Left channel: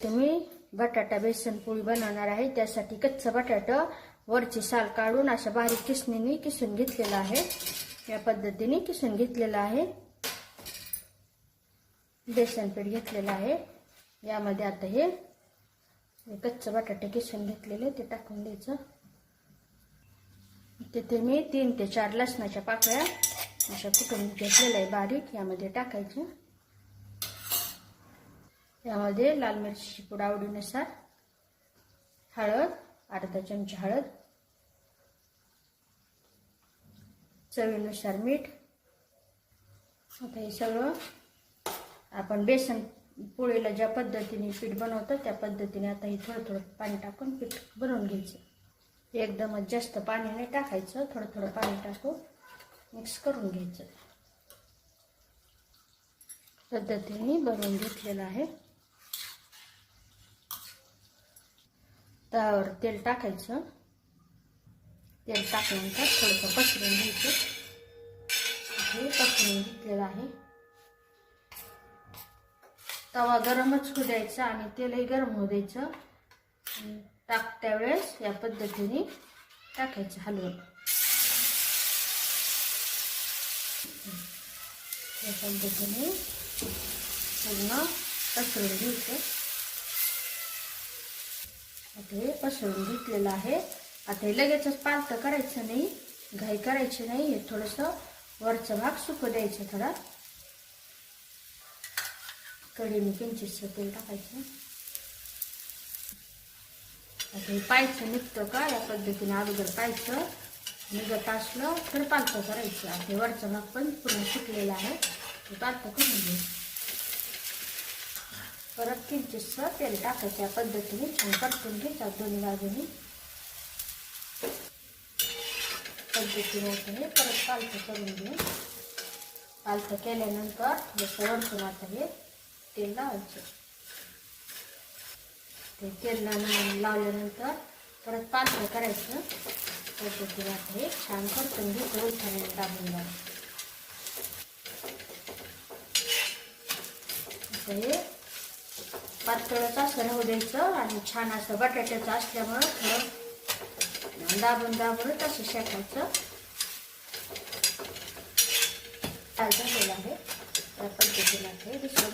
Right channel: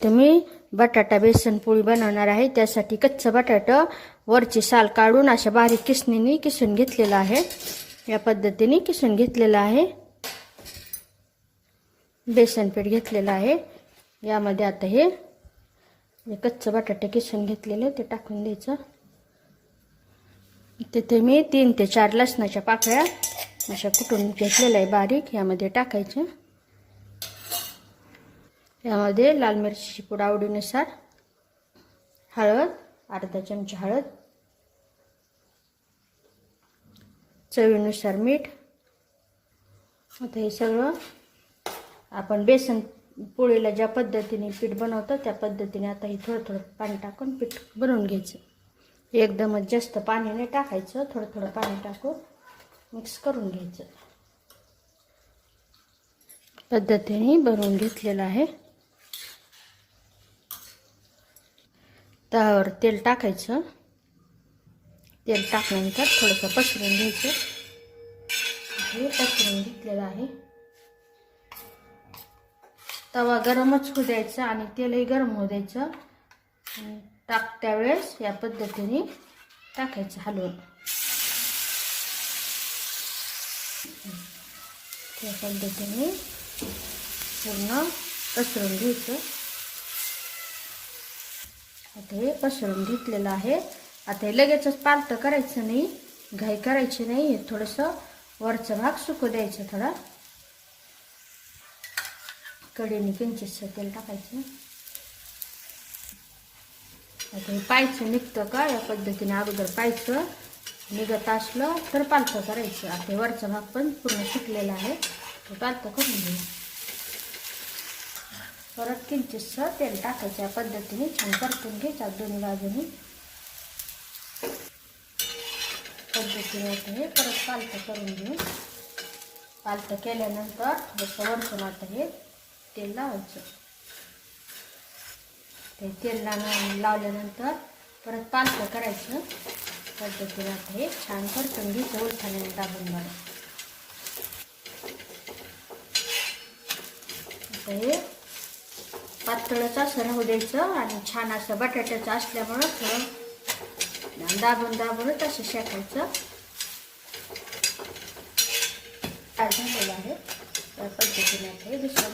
तर मी बटाटा बेसन पोळी बनवणार आहे. त्यासाठी कच्चं बटाटा वरची साल काढून अशा बारीक किसणीने किसून घेतलेला आहे. या पद्धतीने किसून घेतलेला आहे. बेसन पीठ घेतलेलं आहे. यामध्ये आता हे कच्चं बटाटे किसून घेतलेले ते टाकून द्यायचं. तिथे मी 3 ते 4 लसणाच्या पाकळ्या अशा कुटून घेतलेल्या आहे बारीक, यामध्ये टाकायचं. यामध्ये लाल मिरचीची पूड आवडीनुसार, हळद अर्धा चमचा हळद, चवीनुसार मीठ. आता हे सगळं आपण बेसन पोळीला ज्या पद्धतीने पीठ बनवतो त्या पद्धतीने आता हे थोडं थोडं पाणी टाकून पीठ बनवून घ्यायचं. एकदमच जास्त पाणी नाही टाकायचं, थोडं थोडं पाणी टाकून मिक्स करून घ्यायचं. पद्धतीने बनवून घेतलेलं आहे. तव्यावर तेल टाकायचं. तेल टाकल्यानंतर थोडंसं पसरून घ्यायचं. हे पसरून घेतलेलं आहे. तवा गरमच होऊ द्यायचा आणि तेलही गरम होऊ द्यायचं. टाकत्या वेळेस या पद्धतीने टाकायचं हलवून. या पद्धतीने पूर्ण पसरून घ्यायचं. आता हे पसरून घेतलेलं आहे. आता हे लगेचच पातळ करायचं नाही, घाई करायची नाही. हे थोडंसं वरचा भाग सुकू द्यायचं. थोडा कढईने किंचितसं तेल टाकायचं. आता हे पायचं निघतं का या पद्धतीने अगोदर पायचं निघत असलं तर पातळ करायचं. आता वरचा भाग पण पूर्ण सुकलेला आहे, ते पातळ करून घेऊ. परत किंचितसं तेल टाकायचं. या पद्धतीने छान परतून घ्यायचं दोन्ही बाजूनी. पद्धतीने हे परत पालथं करून घेऊ. पालथं केल्यानंतर जसं वरतून आता हे तेल लावायचं. ते तेल लावल्यानंतर परत पालथं करायचं. पद्धतीने आता हे छान परतून घ्यायचं. उलथाने दाबून दाबून हे पातळच असं राहू द्यायचं. आणि छान असं बटाट्याचं असल्यामुळं थोडं दाबून दाबूनच असं शेकायचं. झालेलं आहे. त्या पद्धतीने दुसरं